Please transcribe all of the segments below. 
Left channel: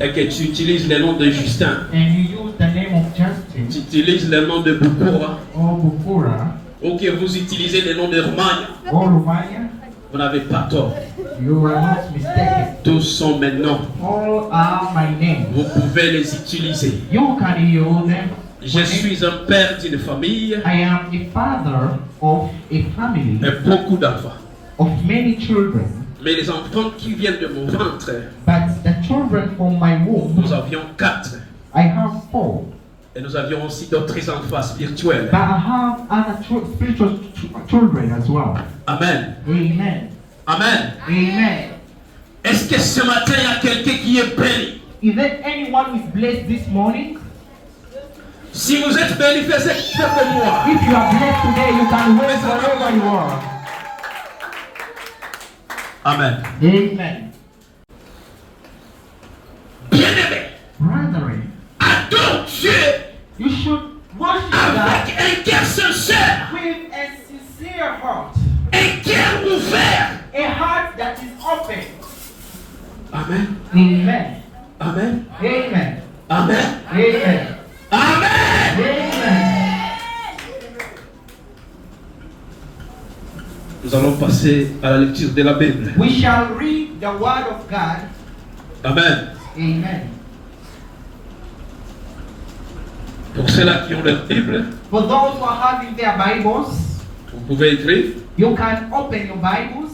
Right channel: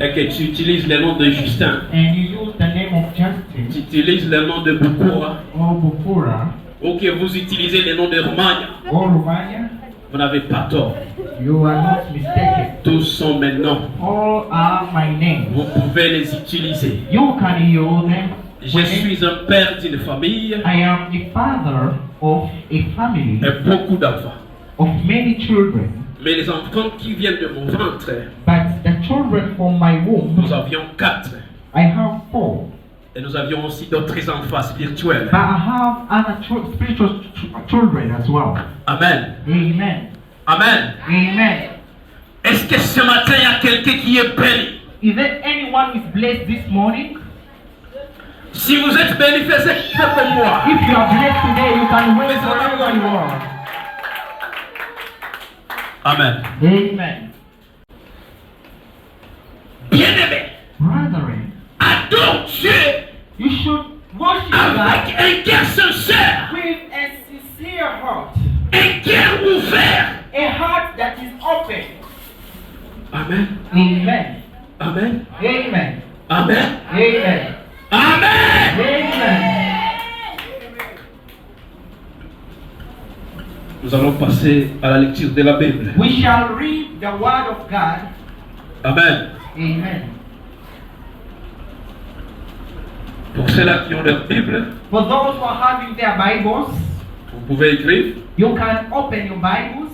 Et que tu utilises le nom de Justin. And you use the name of Justin. Tu utilises le nom de Bukura. Or Bukura. Ou que vous utilisez le nom de Romagna. Or Romagna. Vous n'avez pas tort. You are not mistaken. Tous sont mes noms. All are my names. Vous pouvez les utiliser. You can use them. Je suis un père d'une famille. I am the father of a family. Et beaucoup d'enfants. Of many children. Mais les enfants qui viennent de mon ventre, But the children from my womb, nous avions 4. I have 4. Et nous avions aussi d'autres enfants spirituels. But I have other spiritual children as well. Amen. Amen. Amen. Amen. Est-ce que ce matin il y a quelqu'un qui est béni? Is there anyone who is blessed this morning? Si vous êtes béni, faites comme moi. If you are blessed today, you can wait wherever you are. Amen. Amen. Bien-aimé, Brethren, adore Dieu you should worship God avec un cœur sincère, with a sincere heart. un cœur ouvert. A heart that is open. Amen. Amen. Amen. Amen. Amen. Amen. Amen. Amen. Nous allons passer à la lecture de la Bible. We shall read the word of God. Amen. Amen. Pour ceux-là qui ont leur Bible, For those who are having their Bibles, vous pouvez écrire. you can open your Bibles.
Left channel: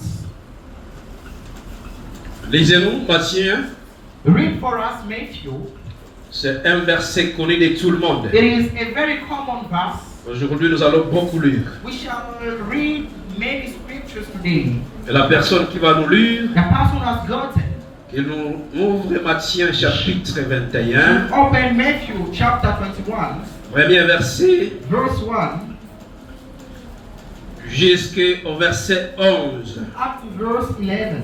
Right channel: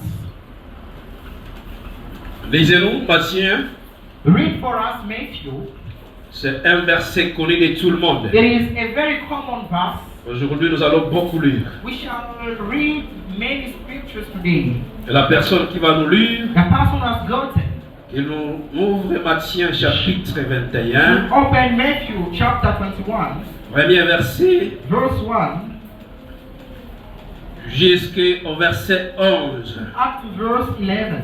Lisez-nous Matthieu. Read for us Matthew. C'est un verset connu de tout le monde. It is a very common verse. Aujourd'hui, nous allons beaucoup lire. We shall read many scriptures today. Et la personne qui va nous lire, The person who has gotten. il nous ouvre Matthieu chapitre 21, Open Matthew chapter 21, premier verset, verse 1, jusqu'au verset 11. up to verse 11.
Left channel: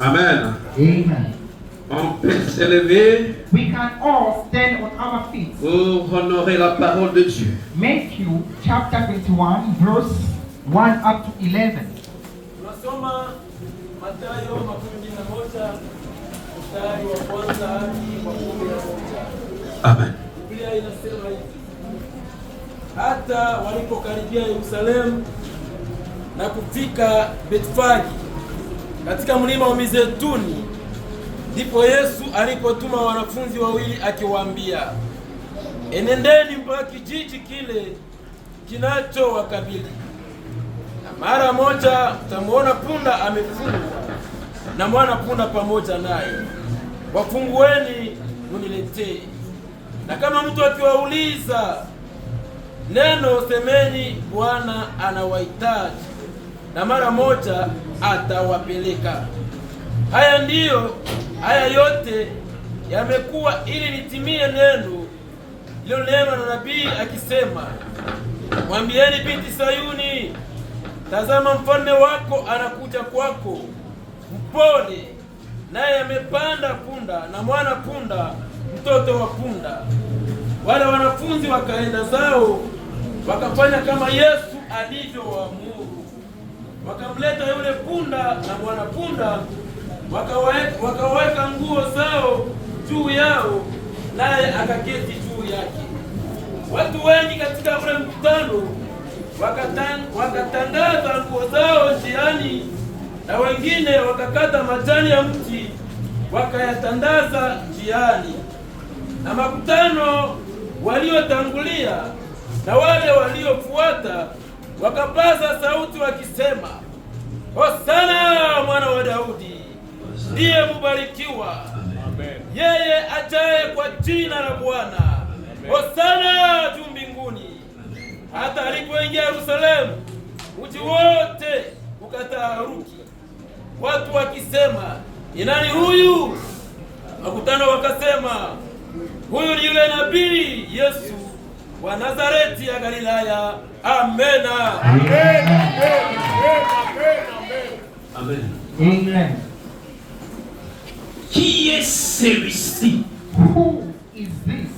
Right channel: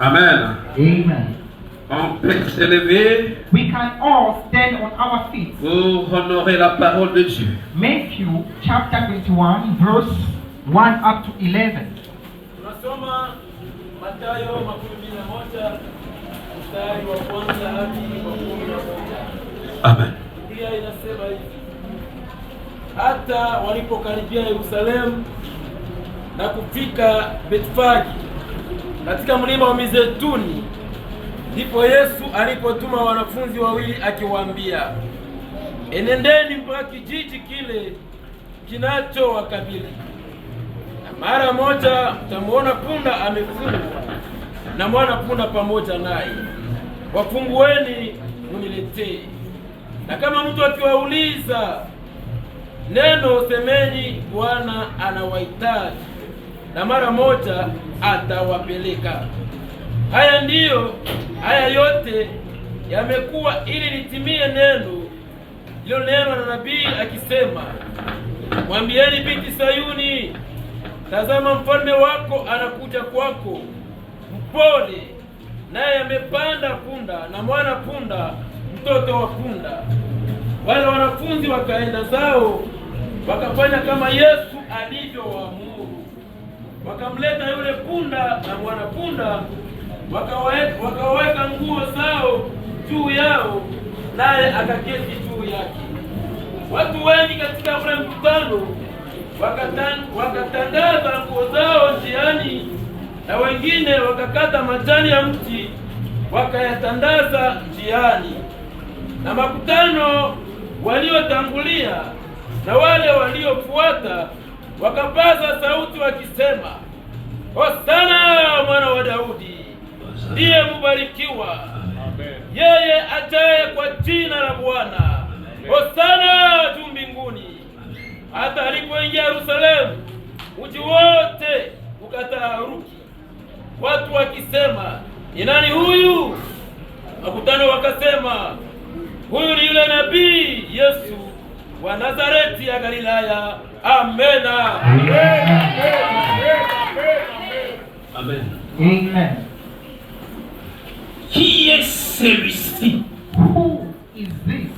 Amen. Amen. On peut se lever We can all stand on our feet. pour honorer la parole de Dieu. Matthew chapter 21, verse 1 up to 11. Tunasoma Mathayo 11 mstari wa kwanza hadi wa 11. Amen. Biblia inasema hivi: hata walipokaribia Yerusalemu na kufika Betfagi katika mlima wa Mizeituni, ndipo Yesu alipotuma wanafunzi wawili akiwaambia, enendeni mpaka kijiji kile kinachowakabili, na mara moja mtamwona punda amefungwa na mwana punda pamoja naye, wafungueni muniletee. Na kama mtu akiwauliza neno, semeni Bwana anawahitaji, na mara moja atawapeleka. Haya yote yamekuwa ili litimie neno lililonenwa na nabii akisema, mwambieni binti Sayuni, tazama mfalme wako anakuja kwako, mpole, naye amepanda punda na mwana punda, mtoto wa punda. Wale wanafunzi wakaenda zao, wakafanya kama Yesu alivyowaamuru. Wakamleta yule punda na mwana punda, wakaweka nguo zao juu yao, naye akaketi juu yake. Watu wengi katika ule mkutano wakatandaza nguo zao njiani, na wengine wakakata majani ya mti wakayatandaza njiani. Na makutano waliotangulia na wale waliofuata wakapaza sauti wakisema, Hosana mwana wa Daudi, ndiye mubarikiwa yeye ajaye kwa jina la Bwana, Hosana juu mbinguni. Hata alipoingia Yerusalemu, mji wote ukataharuki, watu wakisema, ni nani huyu? Makutano wakasema, huyu ni yule nabii Yesu wa Nazareti ya Galilaya. Amena. Amen. Amen. Qui est celui-ci? Who is this?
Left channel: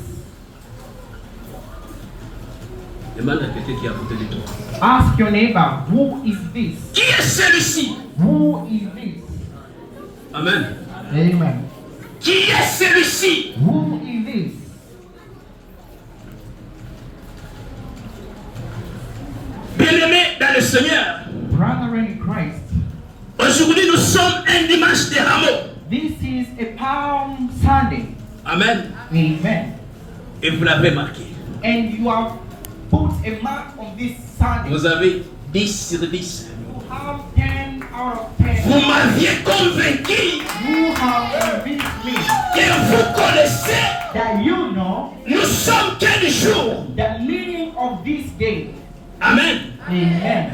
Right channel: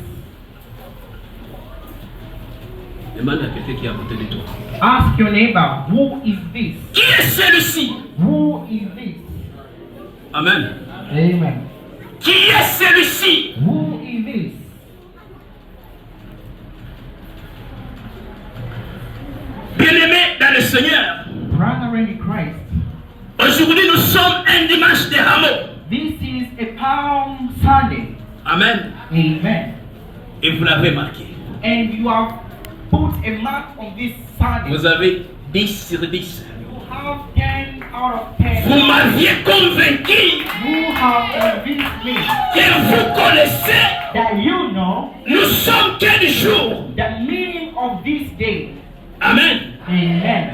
Demande à quelqu'un qui est à côté de toi. Ask your your neighbor, who is this? Qui est celui-ci? Who is this? Amen. Amen. Qui est celui-ci? Who is this? Bien-aimés dans le Seigneur, Brethren in Christ, aujourd'hui nous sommes un dimanche de Rameaux. this is a Palm Sunday. Amen. Amen. Et vous l'avez marqué. And you have put a mark on this Sunday. Vous avez 10 sur 10. You have 10 out of 10. Vous m'aviez convaincu You have convinced me que vous connaissez, that you know nous sommes quel jour? the meaning of this day. Amen. Amen.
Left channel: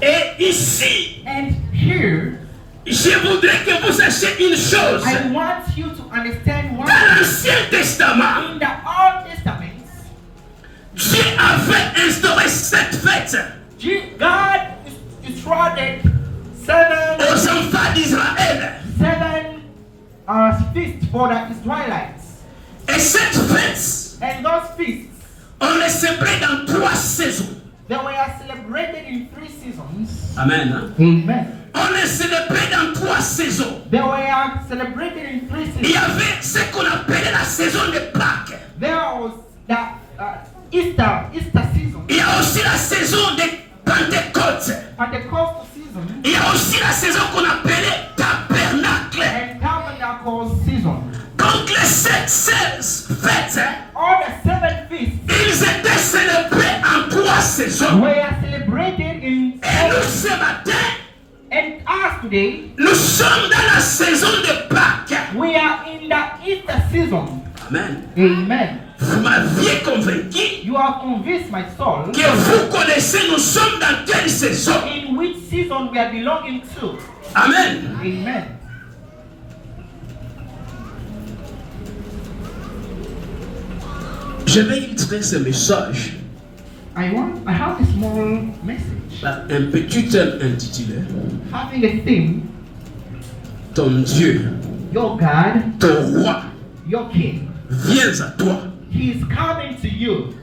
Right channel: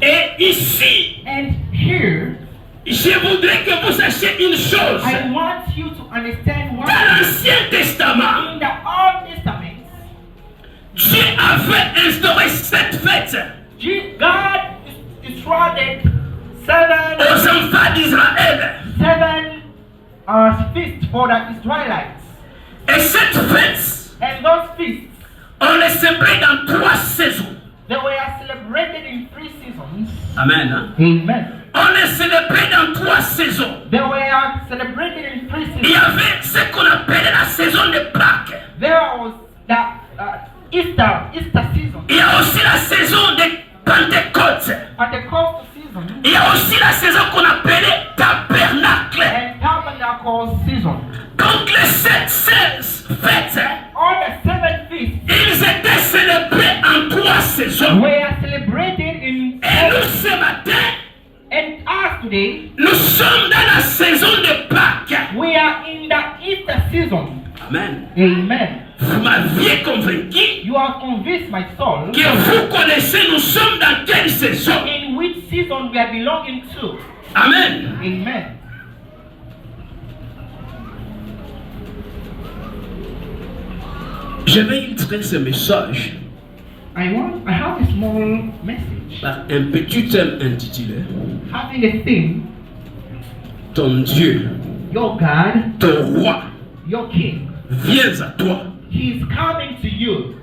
Et ici, And here, je voudrais que vous sachiez une chose. I want you to understand one Dans thing. l'Ancien Testament, In the Old Testament, Dieu avait instauré cette fête God instructed aux seven enfants d'Israël. feasts for the Israelites. Et cette fête, And those feasts, on les célébrait dans 3 saisons. they were celebrated in 3 seasons. Amen. Hein? Amen. On les célébrait dans 3 saisons. They were celebrated in 3 Il y seasons. avait ce qu'on appelait la saison de Pâques. There was the Easter season, Il y a aussi la saison de Pentecôte. Pentecost season, Il y a aussi la saison qu'on appelait Tabernacle. and Tabernacle season. Donc les 7 fêtes, All the 7 feasts ils étaient célébrés en 3 saisons. were celebrated in Et nous ce matin, and us today, nous sommes dans la saison de Pâques. we are in the Easter season. Amen. Amen. Vous m'aviez convaincu You have convinced my soul que vous connaissez nous sommes dans quelle saison. in which season we are belonging to. Amen. Amen. Je vais illustrer ce message I have a small message par un petit thème intitulé having a theme: Ton Dieu, your God, ton roi, your King. viens à toi. He is coming to you.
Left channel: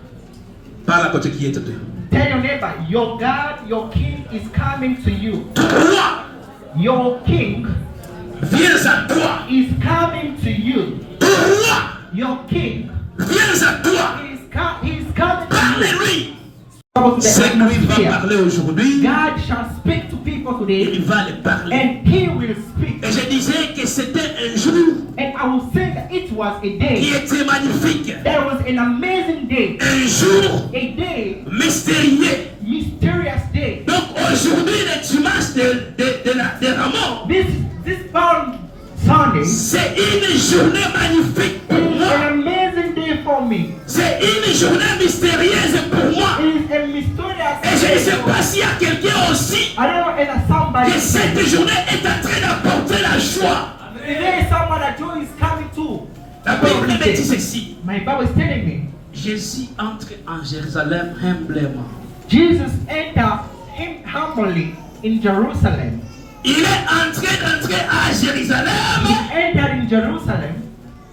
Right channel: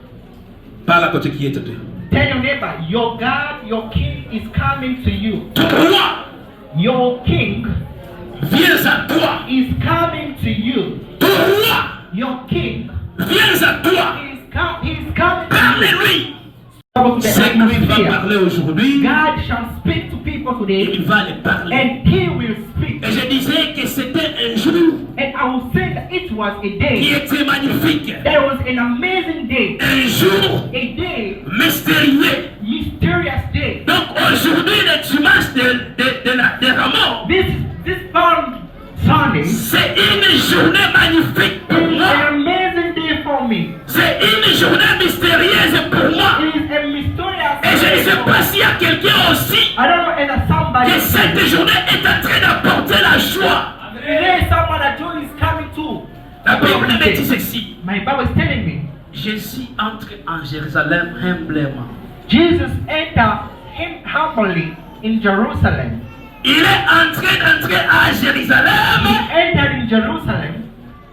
Parle à côté qui est de Tell your neighbor, your God, your King is coming to you. ton roi, Your King viens à toi. is coming to you. Ton roi, Your King viens à toi. is coming to you. Parle-lui. Of the C'est lui qui va atmosphere. parler aujourd'hui. God shall speak to people today, Il va les parler. and He will speak. Et je disais que c'était un jour And I will say that it was a qui day. était magnifique. That was an amazing day. Un jour A day, mystérieux. mysterious day. Donc aujourd'hui, le dimanche de Rameaux, This Palm Sunday c'est une journée magnifique pour is moi. an amazing day for me. C'est une journée mystérieuse pour moi. It is a mysterious Et je ne day. sais pas s'il y a quelqu'un aussi I don't know if somebody. que cette journée est en train d'apporter la joie. There is someone that joy is coming to. La Bible me dit ceci. My Bible is telling me Jésus entre en Jérusalem humblement. Jesus entered him humbly in Jerusalem. Il est en train d'entrer à He Jérusalem entered in Jerusalem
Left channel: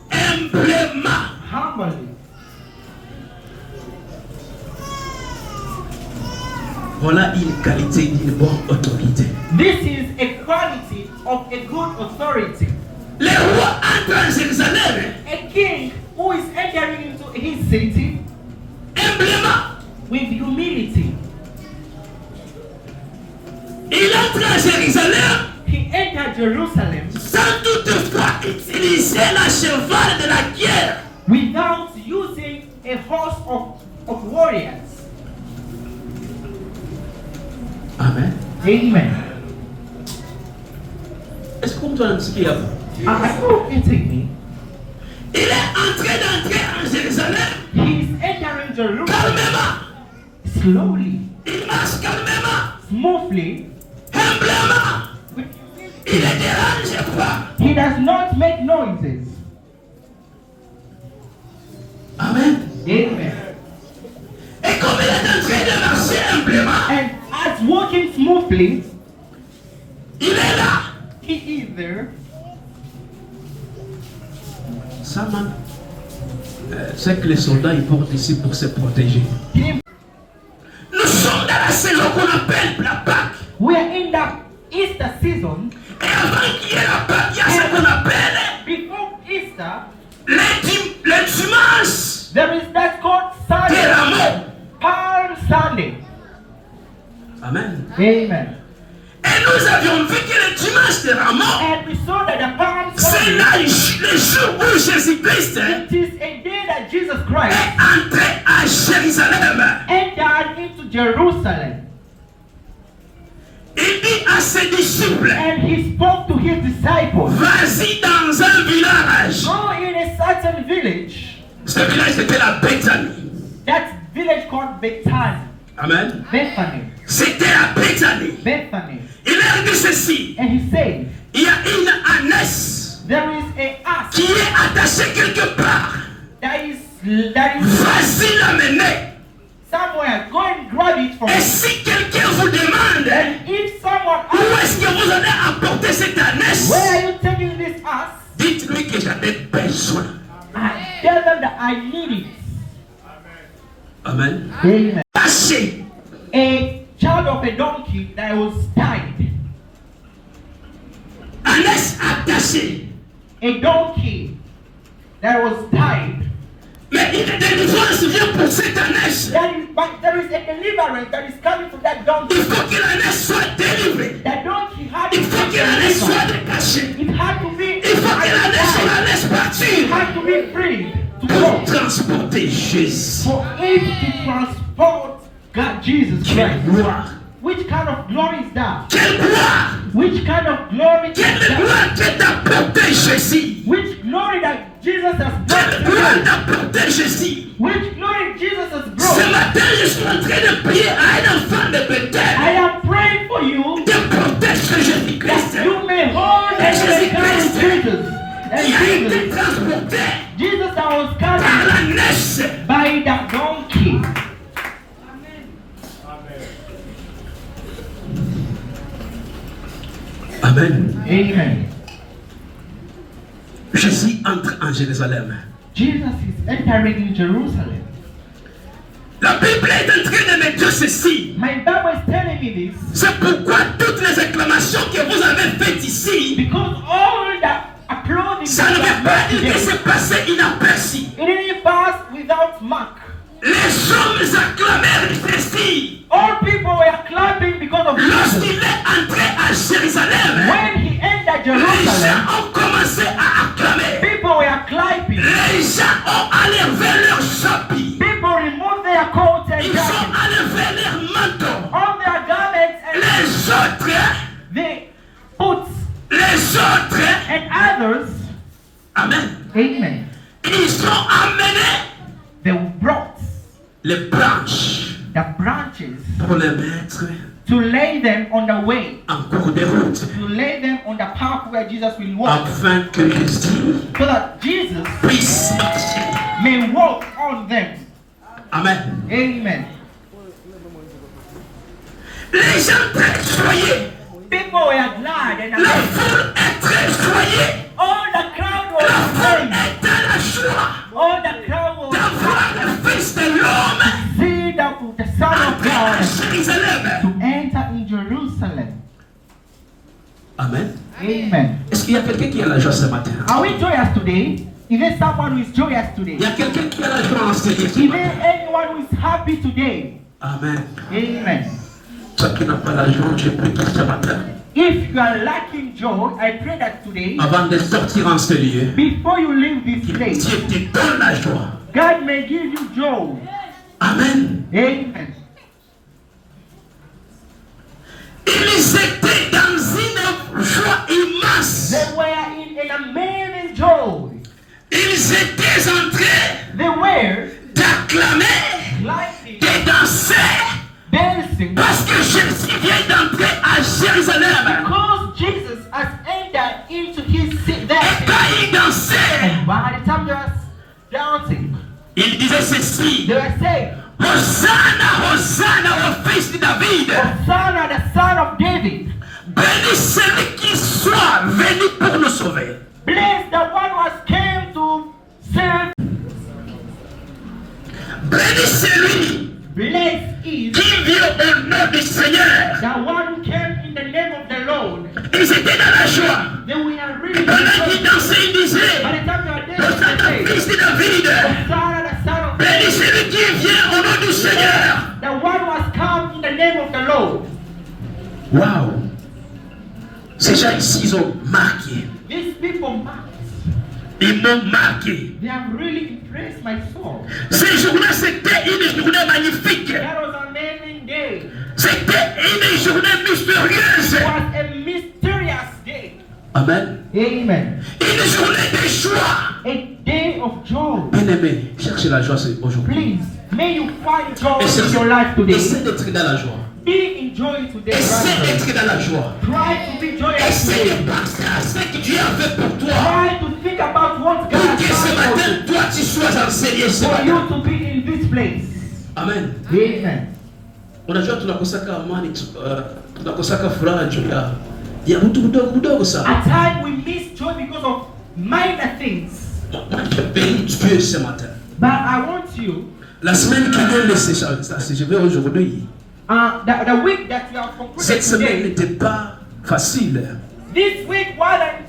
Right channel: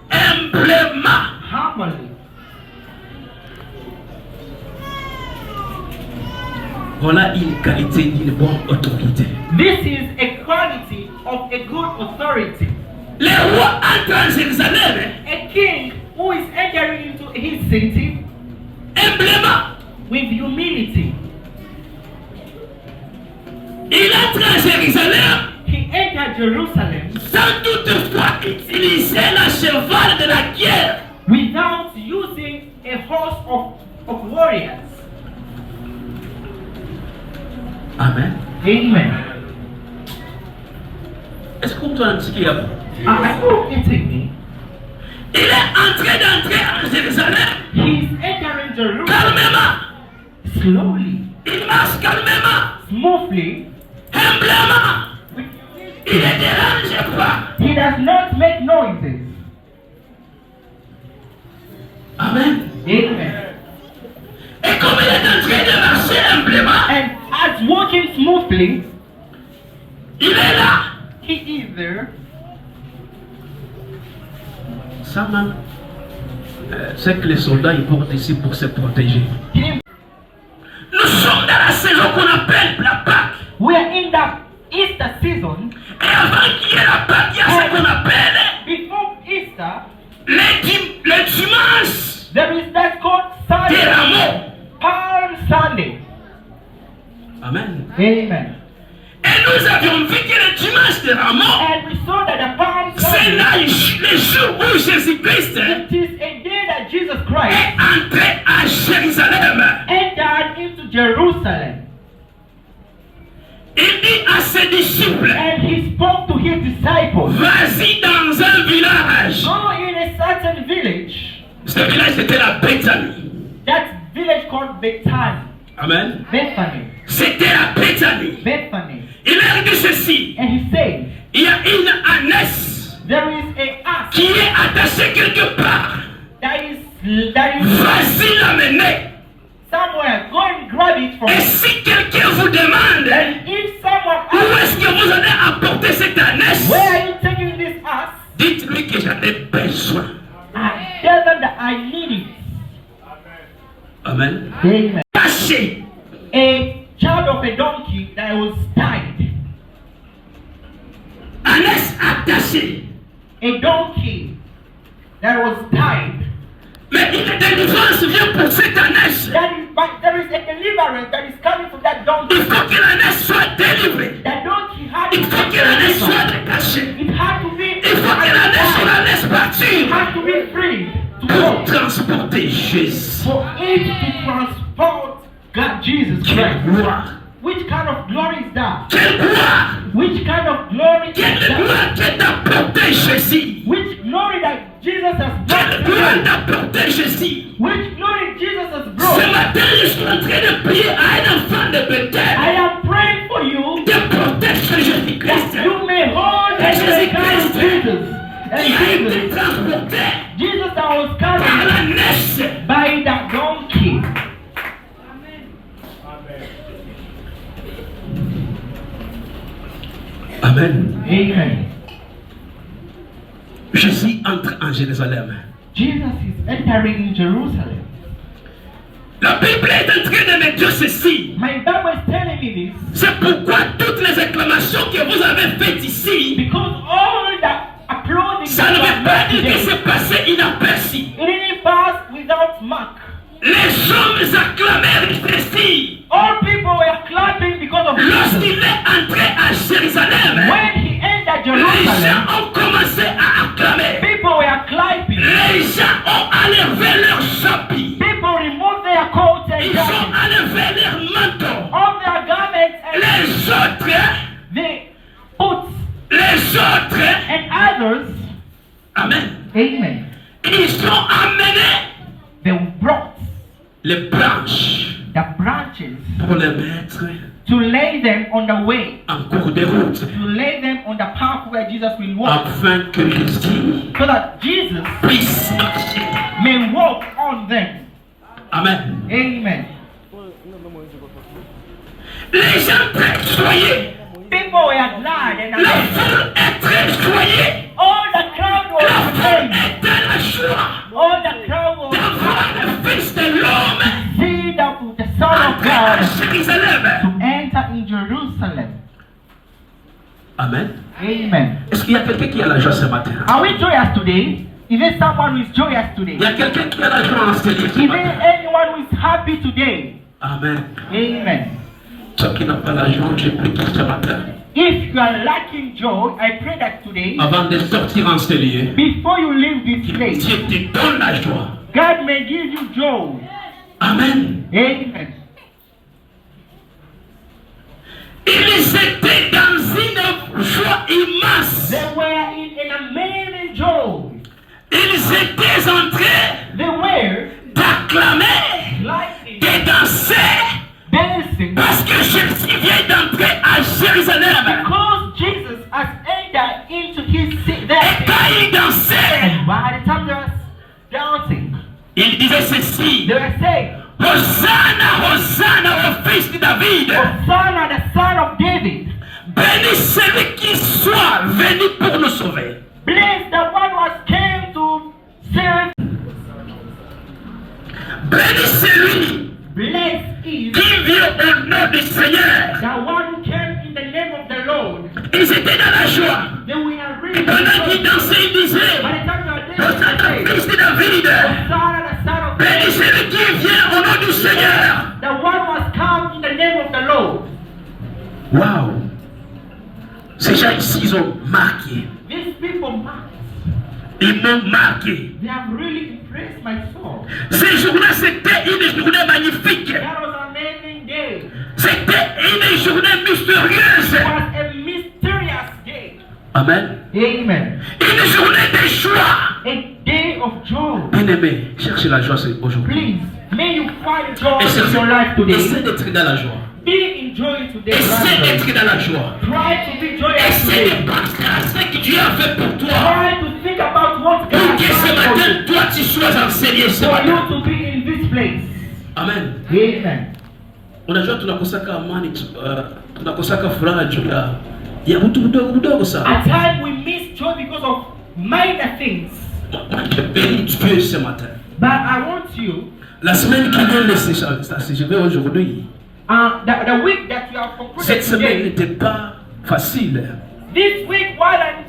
humblement. humbly. Voilà une qualité d'une bonne autorité. This is a quality of a good authority. Le roi entre en Jérusalem A king who is entering into his city humblement. with humility. Il entre en Jérusalem He entered Jerusalem sans toutefois utiliser la cheval de la guerre. without using a host of warriors. Amen. Amen. Est-ce que vous entendez ce qu'il y a? I hope you take me. Il est en train d'entrer en Jérusalem He's entering Jerusalem calmement. slowly, Il marche calmement, smoothly. humblement. Il ne dérange pas. He does not make noises. Amen. Amen. Et comme il est en train de marcher humblement, And as walking smoothly, il est là. he is there. Ça, man, c'est que les soldats ils portent ici pour se protéger. dans la saison qu'on appelle la Pâque. We are in the Easter season. Et avant qu'il y ait la Pâque, il y a ce qu'on appelle Before Easter, les dimanches there is that called des Sunday, rameaux. Palm Sunday. Amen. Amen. Et nous avions vu que le dimanche des rameaux, And we saw that the Palm c'est Sunday, là le jour où Jésus-Christ it is a day that Jesus Christ est entré à Jérusalem. entered into Jerusalem. Il dit à ses disciples, And he spoke to his disciples. vas-y dans un village. Go in a certain village. Ce village était la Bethanie. That village called Bethany. Amen. Bethany. C'était la Bethanie. Bethany. Il leur dit ceci, And he said, il y a une ânesse there is a ass qui est attachée quelque part. that is Vas-y l'amener. somewhere. Go and grab it from Et him. si quelqu'un vous demande, And if someone où asks, est-ce que vous allez apporter cette ânesse, where are you taking this ass? dites-lui que j'en ai besoin. I tell them that I need it. Amen. Amen. Taché. A child of a donkey that was tied. Ânesse attachée. A donkey that was tied. Mais une délivrance vient pour cette ânesse. But there is a deliverance that is coming to that Il donkey. faut que l'ânesse soit délivrée. That donkey had Il to faut be que l'ânesse soit delivered. détachée. It had to be. Il faut que l'ânesse la laisse It partir had to be free to pour walk. transporter Jésus. For it to transport God, Jesus Quelle Christ. gloire! Which kind of glory is that? Quelle gloire! Which kind of glory is Quelle that? gloire qui est d'apporter Jésus! Which glory that Jesus has Quelle brought gloire to you? d'apporter Jésus! Which glory Jesus has Ce brought? matin, je suis en train de prier à un enfant de I Bethel am praying for you de protéger Jésus-Christ. that you may hold and take care of Jesus. And Il a été Jesus, transporté Jesus that was par carried la nesse. by that donkey. Amen. Amen. Jésus entre en Jérusalem. Jesus is entering in Jerusalem. La Bible est en train de me dire ceci. My Bible is telling me this C'est pourquoi toutes les acclamations que vous avez faites ici, because all the applauding ça ne veut pas dire que c'est passé inaperçu. it didn't pass without mark. Les hommes acclamèrent ceci. All people were clapping because of Lorsqu'il Jesus. est entré à Jérusalem, When he entered les Jerusalem, gens ont commencé à acclamer. people were clapping. Les gens ont enlevé leurs chapeaux. People removed their coats and Ils ont jackets, enlevé leurs manteaux. all their garments and Les autres, they put les autres, and others. amen, Amen. ils ont amené They brought les branches the branches pour les mettre to lay them on the way, en cours de route, to lay them on the path where Jesus will walk, afin que Jésus so that Jesus puisse marcher. may walk on them. Amen. Amen. Les gens très joyeux, People were glad and la amazed. foule est très joyeuse. All the crowd La was foule amazed. est dans la joie All the crowd was d'avoir le Fils de l'homme see that the Son of entré à God Jérusalem. to enter in Jerusalem. Amen. Amen. Est-ce qu'il y a quelqu'un qui a la joie ce matin? Are we joyous today? Is there someone who is joyous today? Il y a quelqu'un qui a la joie en ce Is matin? there anyone who is happy today? Amen. Amen. Toi qui n'as pas la joie, je prie pour ce matin. If you are lacking joy, I pray that today, Avant de sortir en ce lieu, before you leave this place, Dieu te donne la joie. God may give you joy. Amen. Amen. Ils étaient dans une joie immense. They were in an amazing joy. Ils étaient en train They were d'acclamer, lightning, de danser, dancing, parce que Jésus vient d'entrer à Jérusalem. because Jesus has entered into his city. Et There. quand ils dansaient, And by the time they were dancing, ils disaient ceci: they were saying, Hosanna, Hosanna au fils de David. Hosanna, the son of David. Béni celui qui soit venu pour nous sauver. Bless the one who has came to save. Béni celui Bless is qui vient au nom du Seigneur. The one who came in the name of the Lord. Ils étaient dans la joie. They were really Pendant qu'ils dansaient, ils disaient, By the time you are there, Hosanna, fils de David. Hosanna, the son of Béni David. celui qui vient au nom du Seigneur. The one must come in the name of the Lord. Waouh. Ces gens-ci, ils ont marqué. These people, Ils m'ont marqué. they have really impressed my soul. Ces jours-là, c'était une journée magnifique. That was an amazing day. C'était une journée mystérieuse. It was a mysterious day. Amen. Amen. Une journée de joie. A day of joy. Bien-aimé, cherchez la joie aujourd'hui. Please, may you find joy Essaie in your life today. d'être dans la joie. Be in joy today. Essaie brother. d'être dans la joie. Try to be joyous Essaie today. de penser à ce que Dieu a fait pour toi. Try to think about what God Pour has que ce done matin, toi, tu sois enseigné ce for matin. you to be in this place. Amen. Amen. Unajua tunakosaka amani, tunakosaka furaha juu ya vitu vidogo vidogo sana. At times we miss joy because of minor things. Moi, je bénis Dieu ce matin. But I want you, La semaine qui vient, je vais aujourd'hui. the week that you are Cette concluded semaine today, n'était pas facile. this week wasn't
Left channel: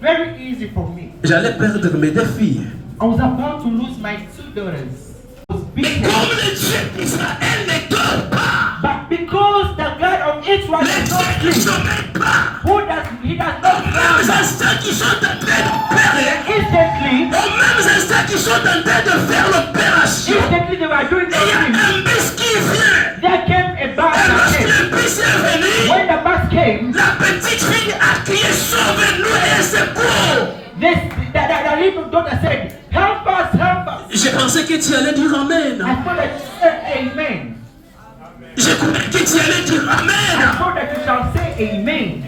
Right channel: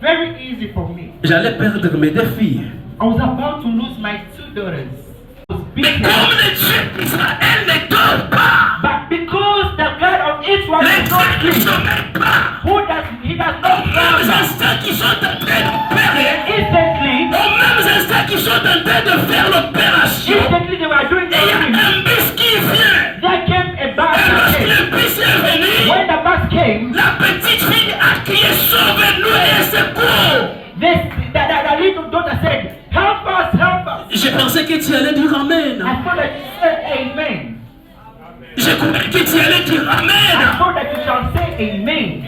very easy for me. J'allais perdre mes deux filles. I was about to lose my two daughters. I was Mais beaten. comme le Dieu d'Israël ne dort pas, But because the God of Israel les does not dieux ne sleep, sommeillent pas, he does not aux mêmes slumber. instants qui sont en train d'opérer, Instantly, aux mêmes instants qui sont en train de faire l'opération, they were doing et il y a something. un bus qui vient. There came a Et bus that lorsque came. le bus est venu, When the bus came, la petite fille a crié sauve-nous et elle secours. the little daughter said, help us, help us. Je pensais que tu allais dire Amen. I thought that you said amen. Je croyais que tu allais dire I Amen. thought that you shall say amen.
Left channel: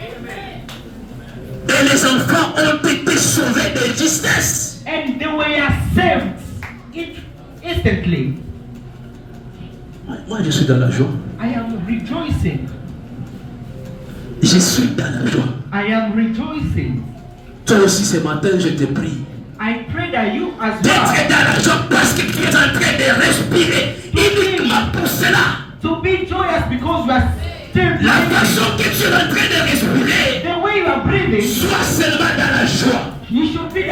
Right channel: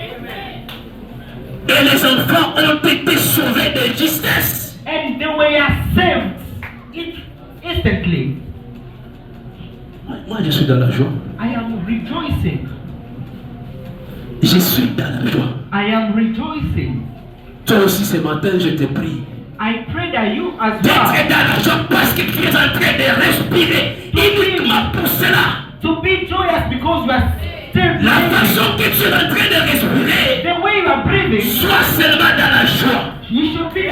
Et les enfants ont été sauvés de justesse. And they were saved instantly. Moi, je suis dans la joie. I am rejoicing. Je suis dans la joie. I am rejoicing. Toi aussi ce matin, je te prie I pray that you as d'être well dans la joie parce que tu es en train de respirer uniquement pour cela. to be joyous because you are still La breathing. façon que tu es en train de respirer, The way you are breathing, sois seulement dans la joie. you should be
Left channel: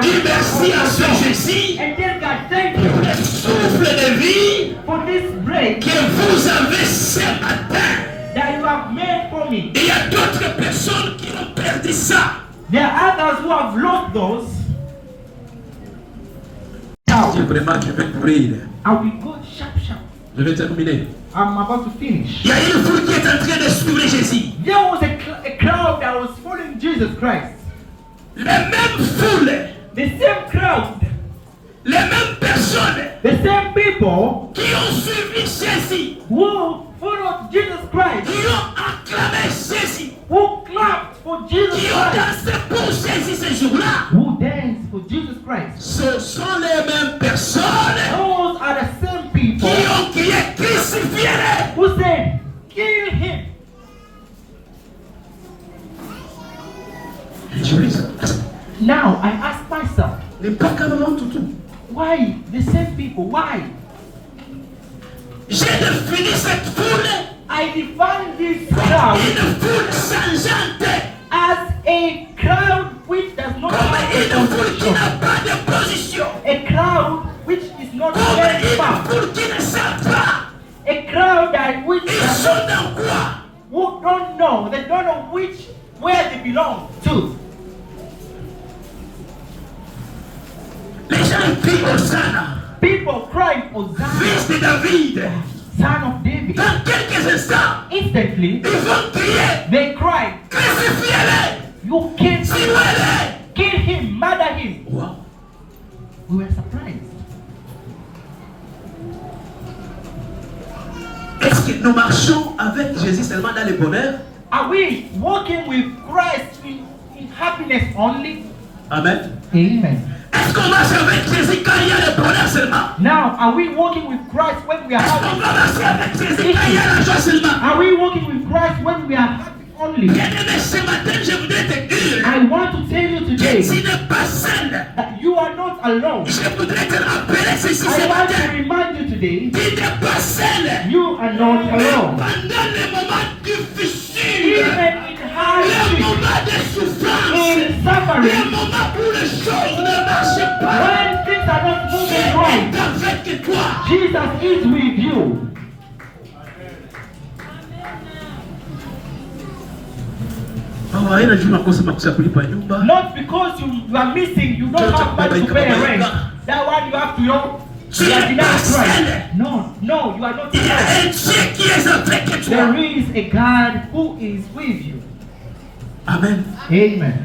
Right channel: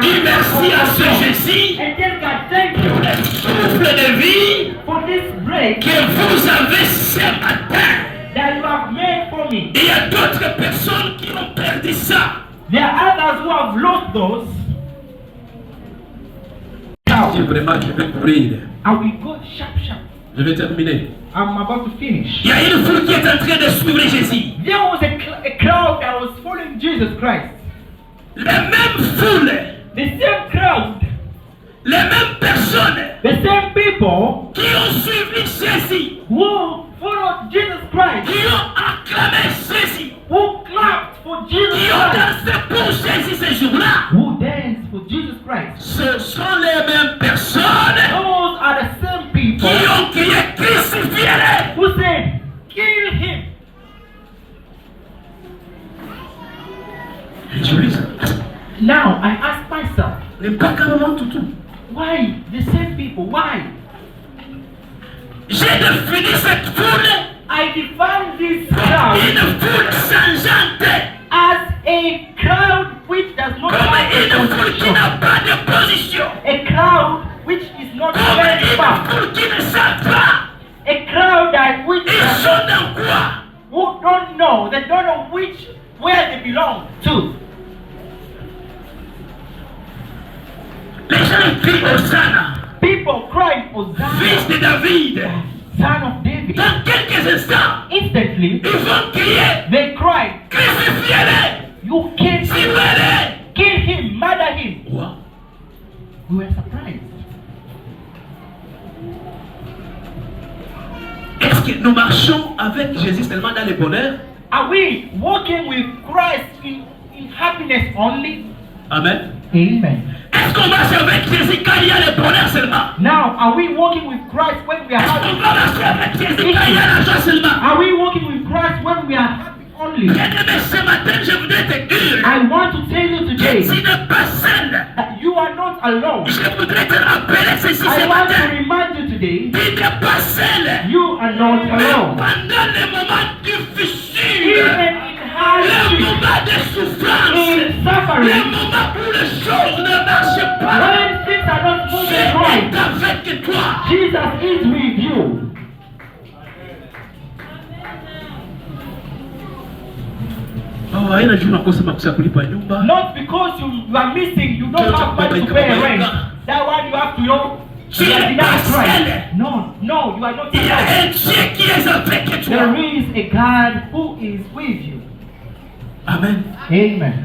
Dis merci à ce Jésus and tell God thank pour you le souffle de vie for this break que vous avez ce matin. that you have made for me. Et il y a d'autres personnes qui ont perdu ça. There are others who have lost those. Je vraiment, je vais courir. I will go sharp. Je vais terminer. I'm about to finish. Il y a une foule qui est en train de suivre Jésus. There was a crowd that was following Jesus Christ. Les mêmes foules, The same crowd, les mêmes personnes the same people qui ont suivi Jésus, who followed Jesus Christ, qui ont acclamé Jésus, who clapped for Jesus qui ont Christ, dansé pour Jésus ce jour-là. who danced for Jesus Christ. Ce sont les mêmes personnes Those are the same people qui ont crié crucifiez-le. who said, kill him. Now I ask myself, why the same people? Why? J'ai défini cette foule I define this comme crowd une foule changeante, as a crowd which does not comme have une a foule qui position. n'a pas de position, A crowd which is not comme very une far. foule qui ne sait pas. A crowd that which Ils sont dans quoi? who don't know, they don't know where they belong to. Les gens crient Hosanna, People crying, Hosanna, fils de David. son of David. Dans quelques instants, Instantly, ils vont crier they cry, crucifiez-le, you can't tuez-le. kill him, murder him. Quoi? We were surprised. Est-ce que nous marchons avec Jésus seulement dans le bonheur? Are we walking with Christ in happiness only? Amen. Amen. Est-ce qu'on marche avec Jésus quand il y a le bonheur seulement? Now, are we walking with Christ when we are Est-ce qu'on happy? va marcher avec Jésus quand il y a l'argent seulement? Are we walking with Christ when we are happy only? Bien-aimé, ce matin, je voudrais te dire I want to tell you que today tu n'es pas seul. that you are not alone. Je voudrais te rappeler ce ceci ce I want matin. to remind you today, Tu n'es pas seul. you are not Même alone. pendant les moments difficiles, Even in les hardship, moments de souffrance, in les suffering, moments où les choses ne marchent pas, when things are not moving Dieu right, est avec toi. Jesus is with you. Oh, haina juu nakosa makusa kulipa nyumba. Not because you are missing, you don't have money to pay rent. That one you have to know. You are denied Christ. No, no, you are not Il y a alone. un Dieu qui est avec toi. There is a God who is with you. Amen. Amen.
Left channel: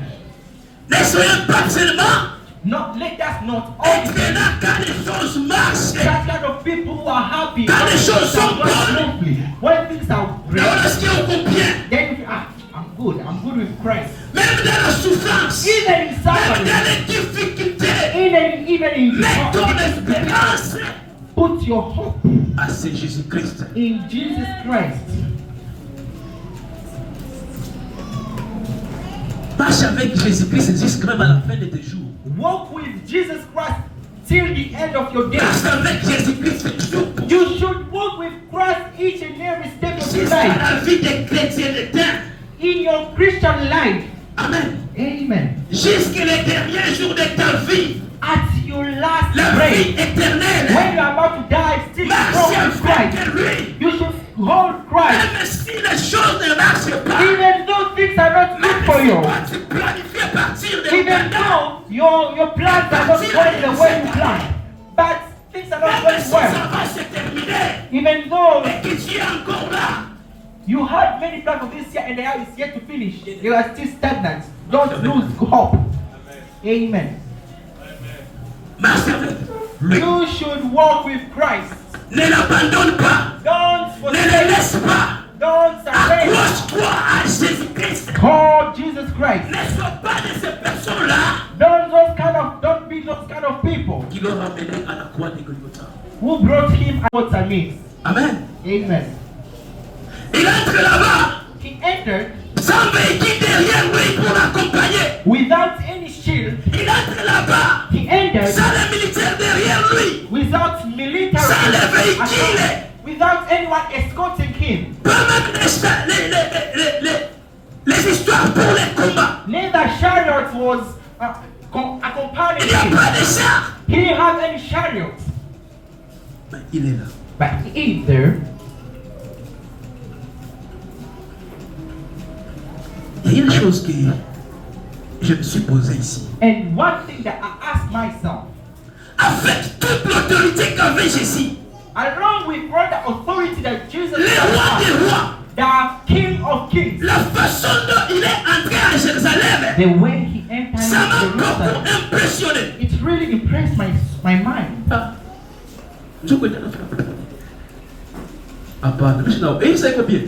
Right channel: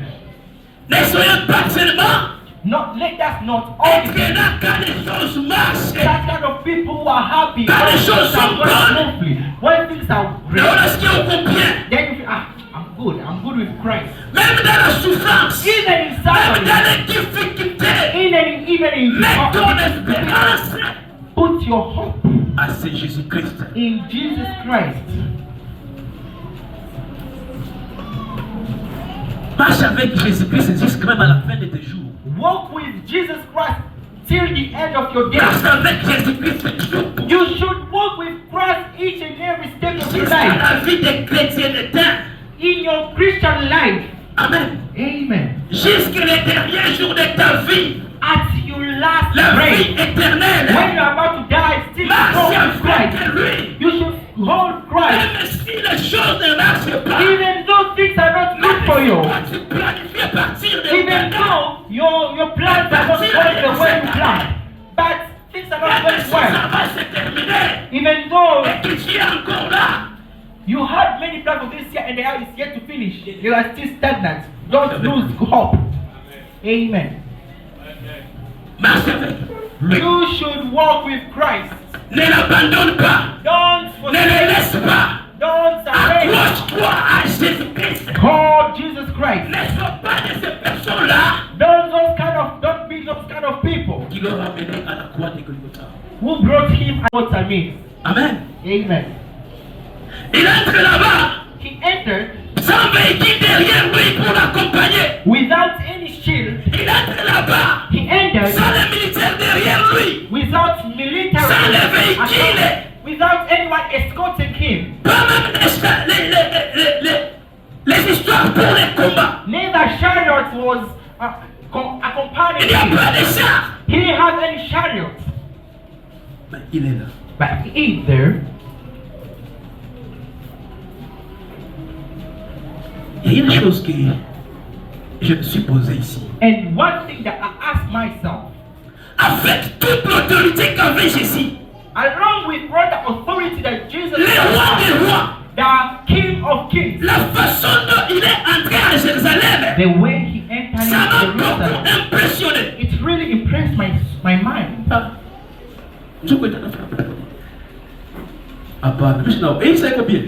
Ne soyez pas seulement Not, let us not être only là quand les choses marchent. that kind of people who are happy Quand les choses sont bonnes. smoothly. When things are Mais great, lorsqu'il y a au bien, then you feel, I'm good with Christ. même dans la souffrance, Even in même suffering, dans les difficultés, even in mets ton difficulty, espérance put your hope à ce Jésus-Christ. in Jesus Christ. Marche avec Jésus-Christ jusqu'à même à la fin de tes jours. Walk with Jesus Christ till the end of your Marche days. avec Jésus-Christ toujours pour You should walk with Christ each and every step of your jusqu'à life. la vie des chrétiennetés. In your Christian life. Amen. Amen. Jusqu'à les derniers jours de ta vie, At your last la breath, vie éternelle. when you are about to die, still Marche hold with avec Christ. lui. You should hold Christ. Même si les choses ne marchent pas, Even though things are not good for même you. si toi tu planifies partir de Even Uganda, though your plans are not going the way you plan. But things are not même going si ça well. va se terminer, Even though et que tu es encore là, you had many plans for this year and the year is yet to finish, you are still stagnant. Don't lose hope. Amen. marche avec lui. You should walk with Christ. Ne l'abandonne pas, Don't ne le forsake. laisse pas. Don't surrender. Accroche-toi à Jésus-Christ. Call Jesus Christ. Ne sois pas de ces personnes-là Don't be those kind of people qui l'ont ramené à la croix de Golgotha. who brought him out of me. Amen. Amen. Il entre là-bas He entered sans véhicule derrière lui pour l'accompagner. without any shield. Il entre là-bas He entered sans les militaires derrière lui. without military Sans les véhicules. escort, without anyone escorting him. Pas même les histoires pour les combats. Neither chariot was Il accompanying n'y a him. pas de chars. He didn't have any chariot. Mais il est là. But he is there. Il y a une chose que je me suis posée ici. And one thing that I asked myself, Avec toute l'autorité qu'avait Jésus, along with all the authority that Jesus le roi had, des rois, the King of Kings, la façon dont il est entré à Jérusalem, the way he entered ça m'a into beaucoup Jerusalem, impressionné. it really impressed my mind. Et c'est combien?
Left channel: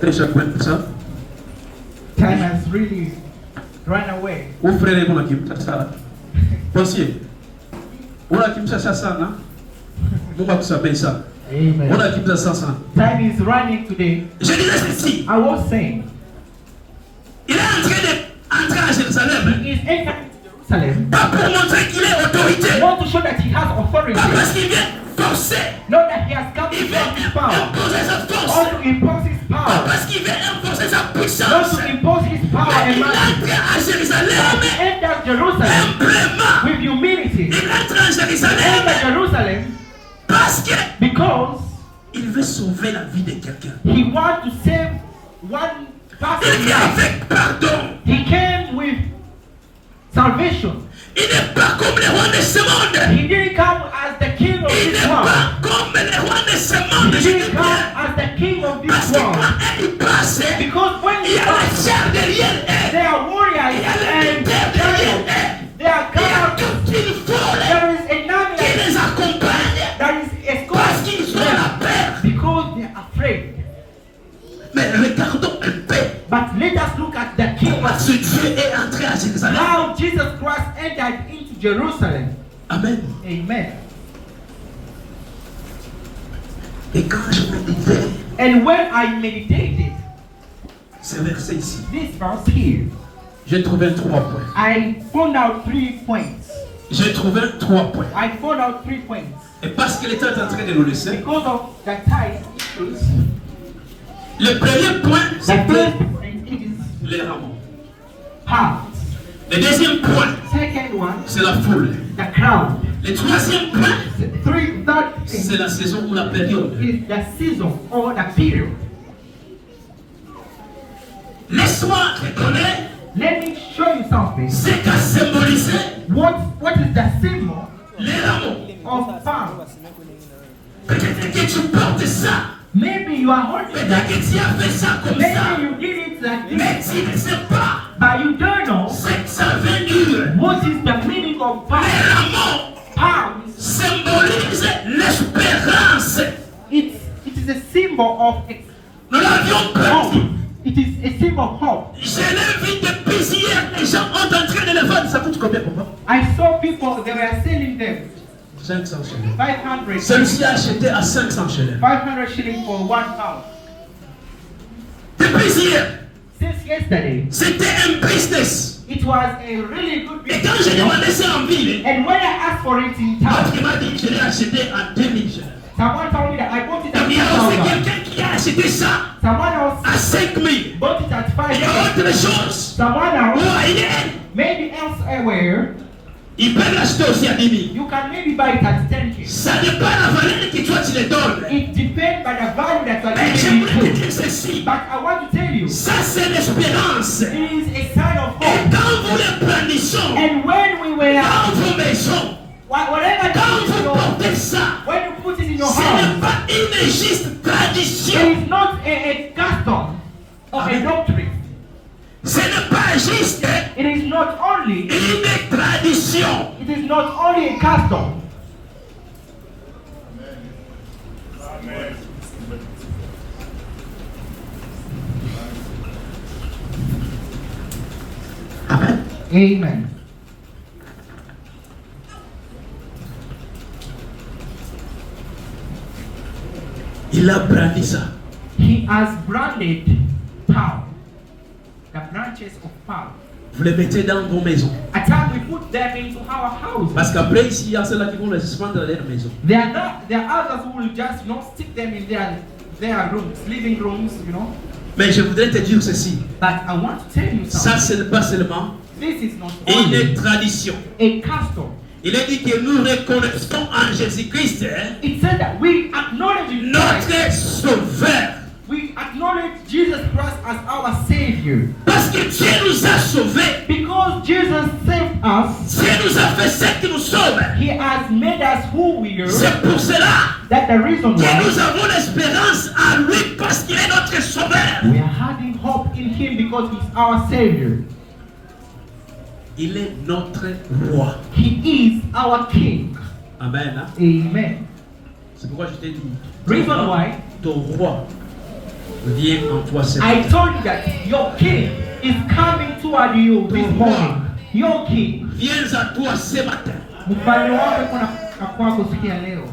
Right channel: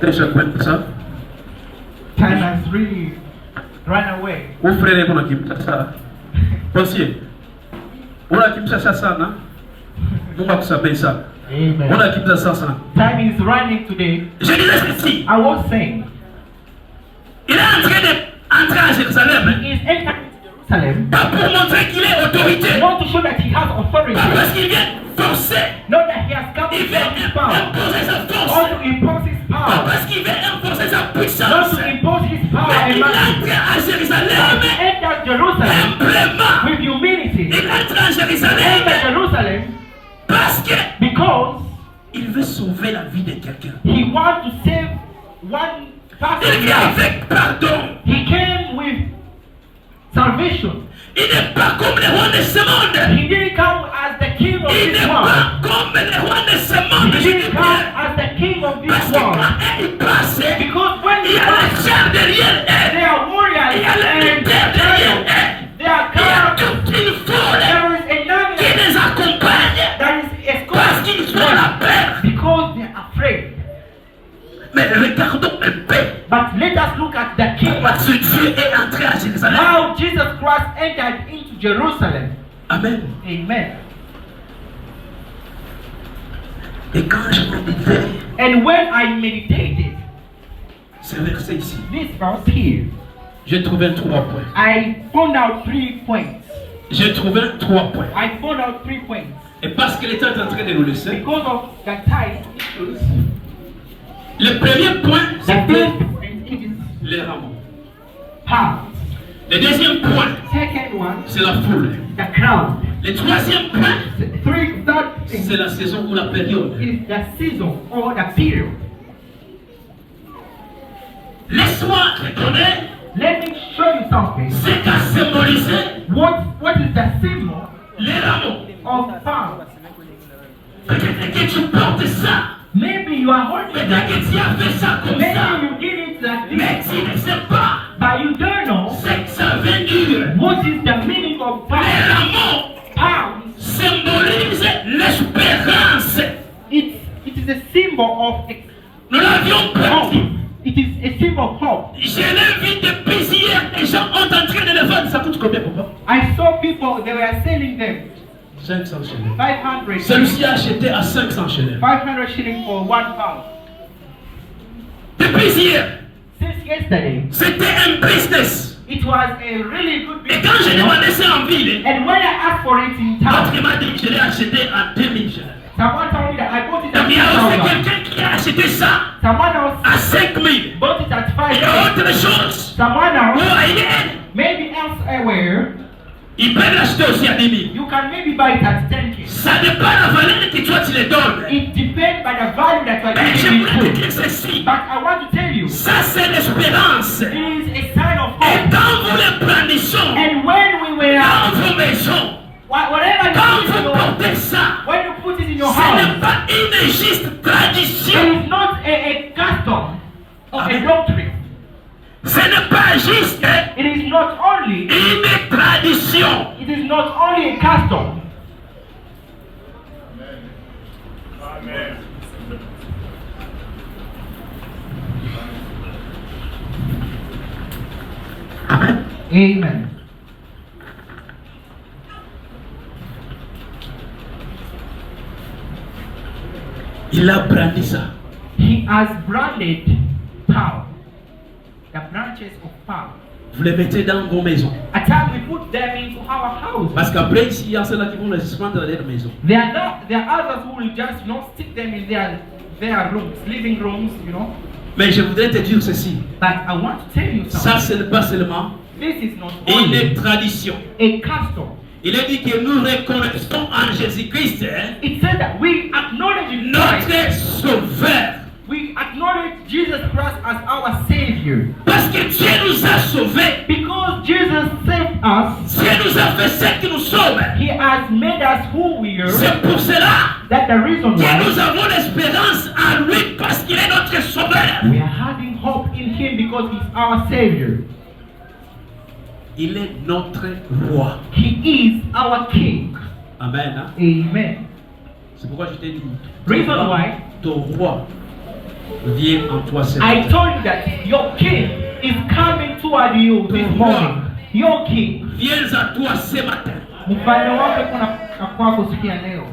Deixa comigo, sabe? Time has really run away. O frère kuna kimtasa. Posie. Una kimsasa sana. Mungu akusamehe sana. Amen. Una kimsasa sana. Time is running today. Je disais ceci. I was saying, Il est en train d'entrer à Jérusalem. he is entering Jerusalem Pas pour montrer qu'il est autorité. not to show that he has authority, Pas parce qu'il vient forcer. not that he has come to Il vient impose his power, imposer sa force. or to impose his Pas power, parce qu'il vient imposer sa not puissance. to impose his power Mais and il might. entre à Jérusalem. He entered Jerusalem Simplement. with humility. Il entre à He entered Jérusalem. Jerusalem Parce que because il veut sauver la vie de quelqu'un. he wants to save one Il person's vient life. avec pardon. He came with salvation. Il n'est pas comme les rois de ce monde. He didn't come as the king of Il this n'est world. pas comme les rois de ce monde. He Je dis didn't come bien. as the king of Parce this que world. quand il passe, Because when il he y a comes, les chars derrière they eux. are warriors Il y a les and militaires derrière chariots. eux. They are Il y a cars. toute une foule There is a qui army les accompagne that is parce qu'ils ont la escorting peur. because they are afraid. Mais regardons un peu. But let us look at the king. Parce que Dieu est entré à Jérusalem. How Jesus Christ entered into Jerusalem. Amen. Amen. Et quand je méditais, And when I meditated ce verset ici, this verse here, j'ai trouvé 3 points. I found out 3 points. J'ai trouvé 3 points. I found out 3 points. Et parce que l'État est en train de nous laisser, Because of the time issues, le premier point, the c'était first point is les rameaux. heart. Le deuxième point, Second one, c'est la foule. the crowd. Le troisième point, Third c'est thing la saison ou la période. is the season or the period. Laisse-moi te donner Let me show you something. ce qu'a symbolisé What is the symbol les rameaux. of power? Peut-être que tu portes ça. Maybe you are holding Peut-être that. que tu as fait ça comme ça. Maybe you did it like Mais this, tu ne sais pas but you don't know ce que ça veut dire. what is the meaning of Les power. rameaux Power. symbolisent l'espérance. It is a symbol of Nous l'avions hope. perdu. It is a symbol of hope. Je l'ai vu depuis hier. Les gens ont en train de le vendre. Ça coûte combien, papa? I saw people, they were selling them 500 shillings. 500 Celui-ci a acheté à 500 shillings. 500 shillings for 1 pound. Depuis hier, Since yesterday, c'était un business. it was a really good Et business. quand je demandais ça en ville, And when I asked for it in l'autre town, m'a dit que je l'ai acheté à 2000 shillings. someone told me that I bought it Il y a aussi at 2,000. quelqu'un qui a acheté ça Someone else à 5000. bought it at Il y a 5,000. autre chose. Someone Ou else, ailleurs, maybe elsewhere, ils peuvent l'acheter aussi à 10 000. you can maybe buy it at 10K. Ça dépend de la valeur que toi tu les donnes. It depends by the value that you are Mais giving j'aimerais te it dire to. ceci. But I want to tell you, Ça, c'est l'espérance. it is a sign of Et hope. quand vous le brandissons And when we were, dans vos maisons, whatever quand you put in vous your, portez ça, when you put it in your ce n'est house, pas une juste tradition. it is not a custom or a doctrine. Ce n'est pas juste It is not only, une tradition. it is not only a custom. Amen. Amen. Il a brandi ça. He has branded power, the branches of power. Vous les mettez dans vos maisons. At times we put them into our houses. Parce qu'après, ici, il y a ceux-là qui vont les prendre dans leur maison. There are others who will just stick them in their rooms, living rooms, you know. Mais je voudrais te dire ceci. But I want to tell you Ça, something. ce n'est pas seulement This is not une only tradition. a custom. Il est dit que nous reconnaissons en Jésus-Christ It said that we acknowledge Christ. notre Sauveur. We acknowledge Jesus Christ as our Savior. Parce que Dieu nous a sauvés. Because Jesus saved us, Dieu nous a fait ce qui nous sauve. He has made us who we are. C'est pour cela That's the reason que why nous avons l'espérance en lui parce qu'il est notre Sauveur. we are having hope in Him because He's our Savior. Il est notre roi. He is our King. Amen. Hein? Amen. C'est pourquoi je t'ai dit. Reason why Ton roi vient en toi cette I nuit. told you that your King is coming toward you this morning. Your King. Viens à toi ce matin. Mfalme wako kuna kwako siku ya leo.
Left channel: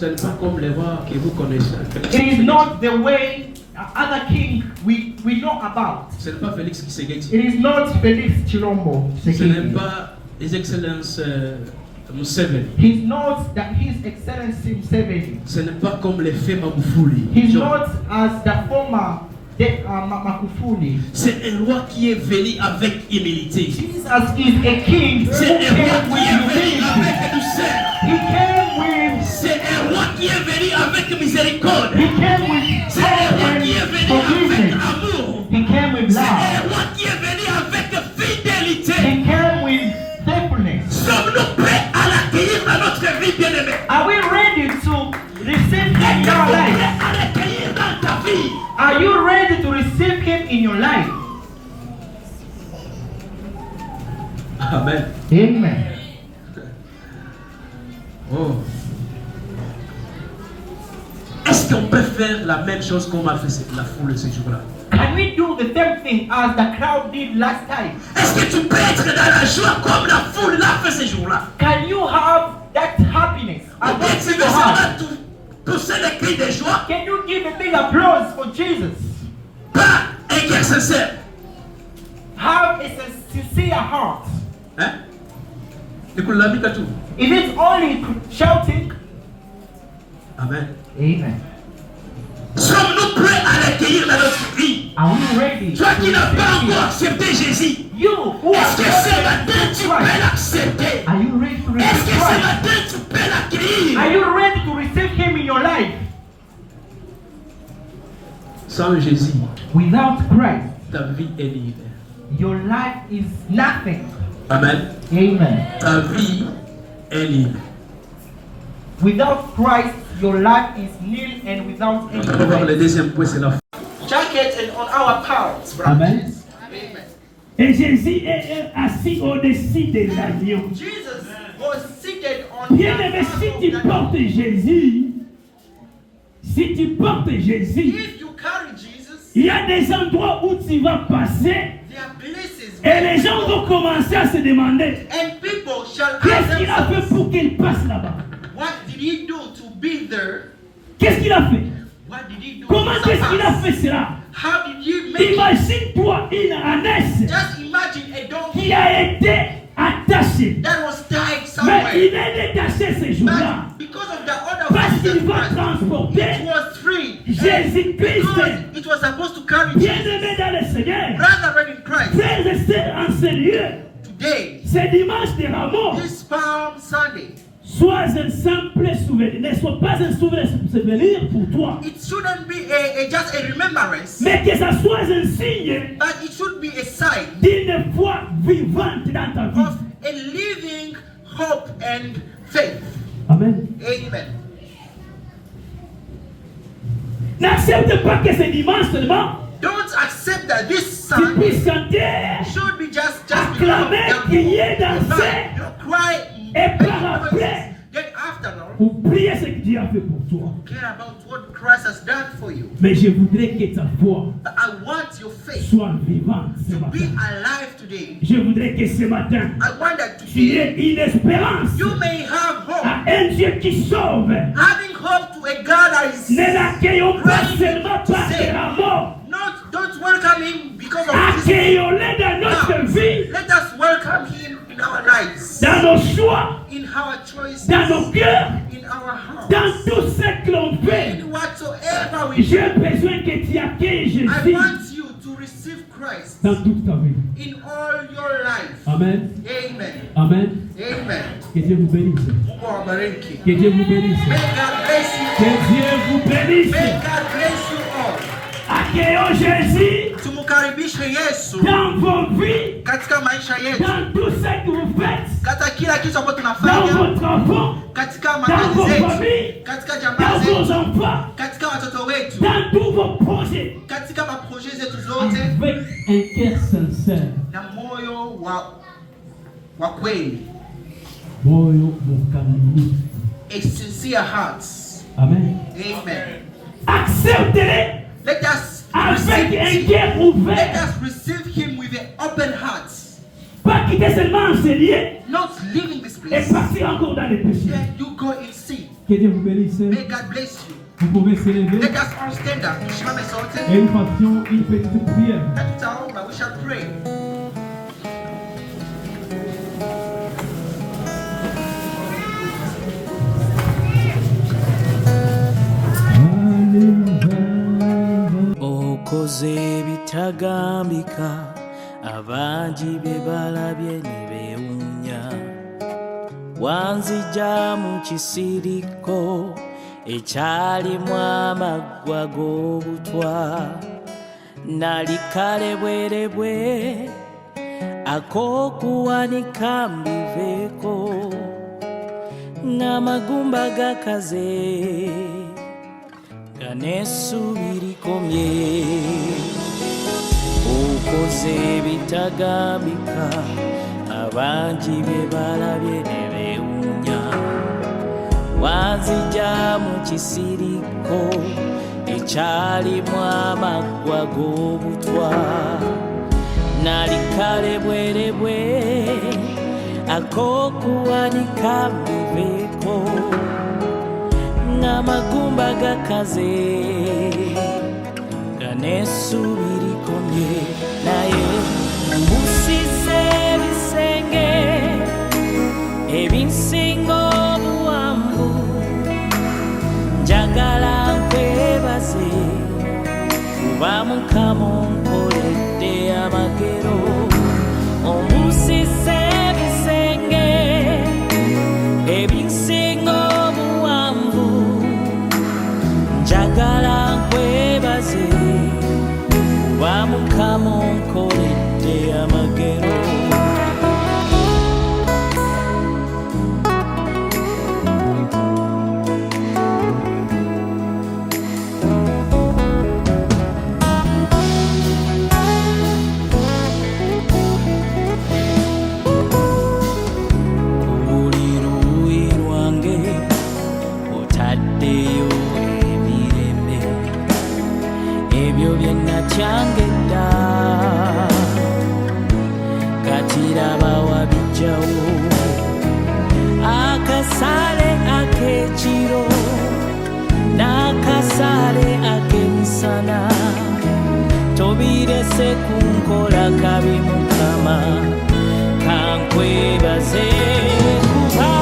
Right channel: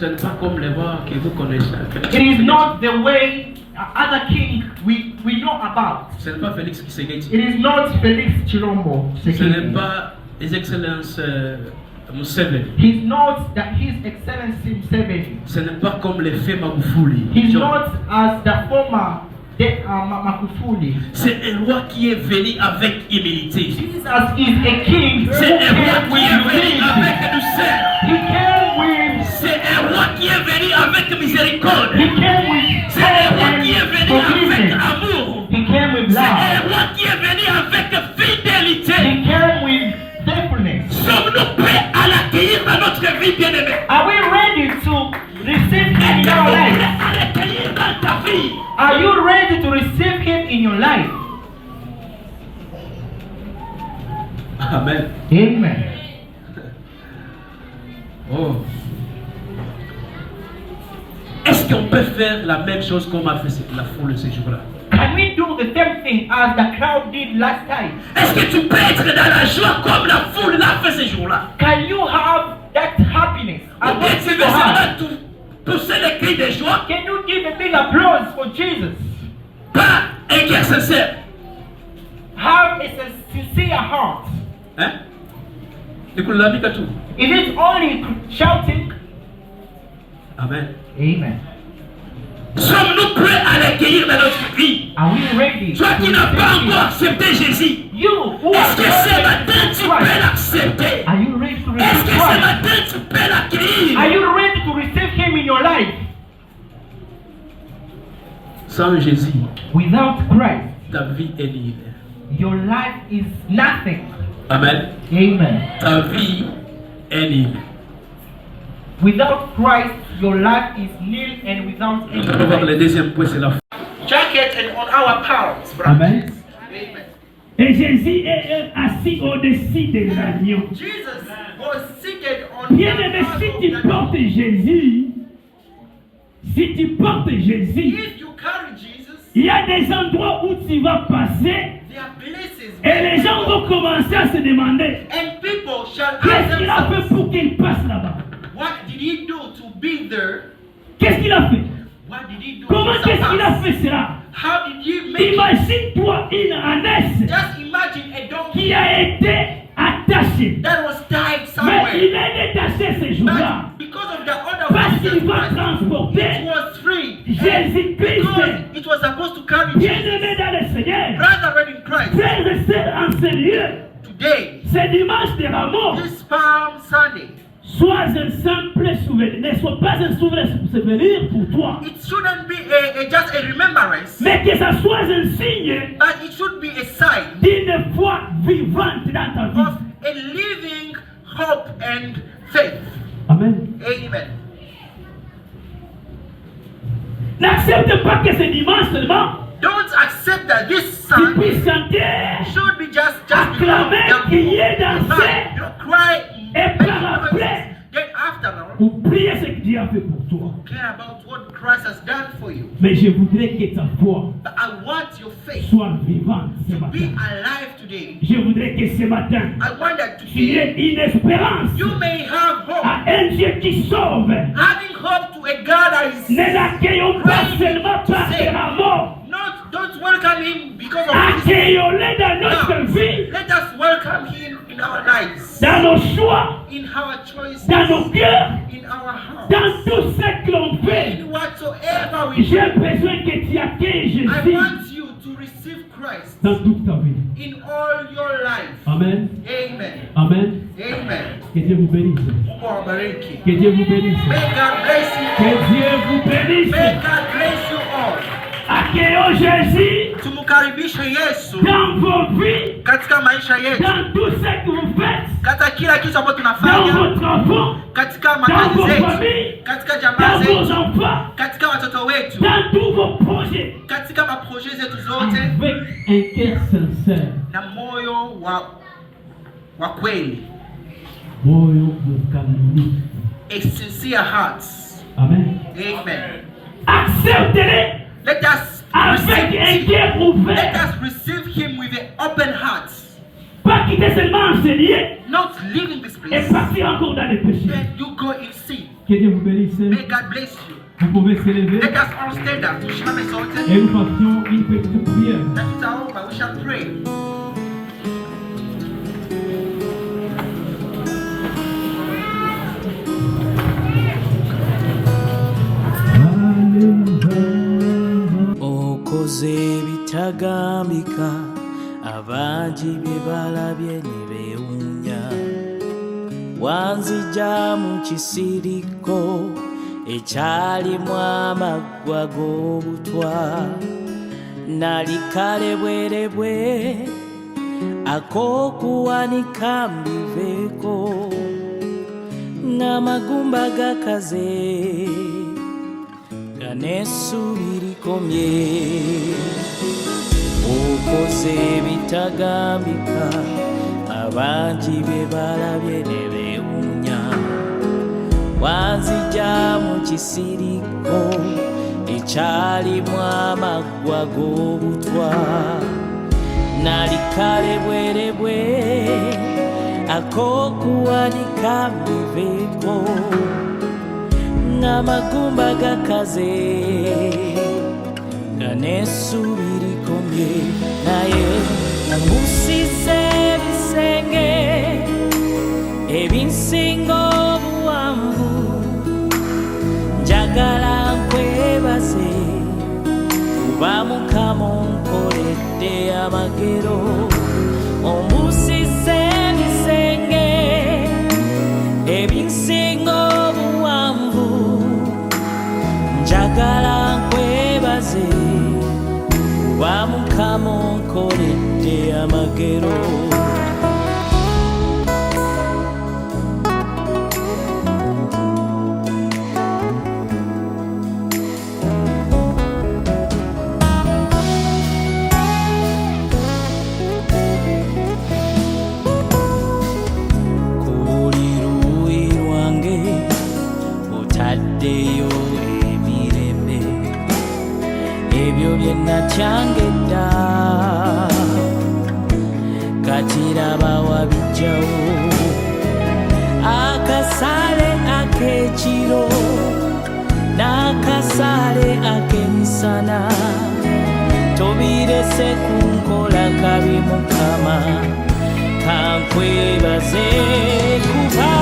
Ce n'est pas comme les rois que vous connaissez. It is not the way other king we know about. Ce n'est pas Félix Tshisekedi. It is not Felix Chilombo. Ce n'est pas His Excellence Museveni. He's not His Excellency Museveni. Ce n'est pas comme les faits Magufuli. He's not as the former Magufuli. C'est un roi qui est venu avec humilité. Jesus is a king who C'est un roi came qui with est venu humility. avec douceur. He came with C'est un roi qui est venu avec miséricorde. He came with C'est un roi qui est love venu and avec forgiveness. amour. He came with C'est un love. roi qui est venu avec fidélité. He came with faithfulness. Sommes-nous prêts à l'accueillir dans notre vie, bien-aimée? Are we ready to receive Him in our life? À l'accueillir dans ta vie. Are you ready to receive Him in your life? Amen. Amen. Oh. Est-ce qu'on peut faire la même chose qu'on a fait la foule ce jour-là? Can we do the same thing as the crowd did last time? Est-ce que tu peux être dans la joie comme la foule l'a fait ce jour-là? Can you have that happiness? Ou bien tu veux savoir pousser les cris de joie? Can you give a big applause for Jesus? Pas un cœur sincère. Have a sincere heart. Hein? Ni kulalamika tu. Is it only shouting? Amen. Amen. Sommes-nous prêts à l'accueillir dans notre vie? Are we ready? Toi qui n'as pas encore accepté Jésus, You who est-ce que ce matin tu peux l'accepter? Are you ready to Est-ce que receive ce Christ? matin tu peux l'accueillir? Are you ready to receive Him in your life? Sans Jésus, Without Christ, ta vie est libre. your life is nothing. Amen. Amen. Ta vie est libre. Without Christ, your life is nil, and without any On va voir le Christ. deuxième point, c'est la foi. Jacket and on our palms. Amen. Amen. Et Jésus est assis au-dessus des agneaux. Jesus was seated on Bien-aimé, si tu portes Jésus, If you carry Jesus, il y a des endroits où tu vas passer there are places et les gens vont commencer à se demander and people shall ask qu'est-ce qu'il a fait themselves, pour qu'il passe là-bas. what did he do to be there? Qu'est-ce qu'il a fait? What did he do Comment to qu'est-ce qu'il a surpass? fait cela? How did he make it? Imagine-toi une ânesse Just imagine a donkey qui a été attachée. that was tied Mais somewhere. il est détaché ces jours-là But because of the order parce of qu'il va Jesus, it transporter was free. Jésus-Christ. Because it was supposed to carry Jesus. Bien-aimé dans le Seigneur, Brother in Christ, frères et sœurs en Seigneur, today, c'est dimanche de Ramos. this Palm Sunday, Sois un simple souvenir, ne sois pas un souvenir pour toi, it shouldn't be just a remembrance, mais que ça soit un signe but it should be a sign d'une foi vivante dans ta of vie. a living hope and faith. Amen. Amen. N'accepte pas que ce dimanche seulement Don't accept that this tu Sunday puisses chanter should be just acclamer, crier, danser cry, et par après then after all, pour prier ce que Dieu a fait pour toi. care about what Christ has done for you. Mais je voudrais que ta foi But I want your faith soit vivante ce to be matin. alive today. Je voudrais que ce matin I want that tu today aies une espérance you may have hope. à un Dieu qui sauve. Having hope to a God that is Ne l'accueillons pas seulement par de la mort. don't welcome him because of his Accueillons-le dans notre vie, Let us welcome him in our lives, dans nos choix, in our choices, dans nos cœurs, in our hearts, dans tout ce que l'on fait. in whatsoever we do. J'ai besoin que tu accueilles I Jésus want you to receive Christ dans toute ta vie. in all your life. Amen. Amen. Amen. Amen. Que Dieu vous bénisse. Mungu awabariki. Que Dieu vous bénisse. May God bless you. Que Dieu vous bénisse. May God bless you all. Accueillons Jésus Tumukaribishe Yesu dans vos vies, katika maisha yetu, dans tout ce que vous faites, katika kila kitu ambacho dans tunafanya, vos travaux, katika dans makazi vos zetu, familles, katika dans jamaa vos zetu, enfants, katika watoto wetu, dans tous vos projets, katika maproje zetu zote, avec un cœur sincère. na moyo wa kweli, Moyo mkamilifu. a sincere heart. Amen. Amen. Acceptez-le Let us avec un receive, cœur let ouvert. us receive him with an open heart, Pas quitter seulement enseigner not leaving this et place. partir encore dans les péchés. Then you go and see. Que Dieu vous bénisse. May God bless you. Vous pouvez se lever Let us all stand up. Tusimame sote. et nous fassions une petite prière. Na tutaomba. We shall pray. okoze ebitagambika abangi bye balabye ne beewuunya wanzija mu kisiriko ekyalimu amaggwa g'obutwa nali kale bwerebwe ak'okuwanika mbiveeko ng'amagumba gakaze n'essuubi likomye okoze ebitagambika abangi bye balabye ne beewuunya wanzija mu kisiriko ekyalimu amaggwa g'obutwa nali kale bwerebwe ak'okuwanika mbiveeko ng'amagumba gakaze nga n'essuubi likomye naye mbusise ebisenge ebinsinga obuwanvu njagala nkwebaze kuba Mukama onkoledde amagero ombusizza ebisenge ebinsinga obuwanvu njagala nkwebaze kuba Mukama onkoledde amagero otaddeyo emirembe ebyo bye natyangedda kati laba wabijjawo akasaale ak'ekiro n'akasaale ak'emisana tobirese kunkola kabi Mukama kankwebaze kuba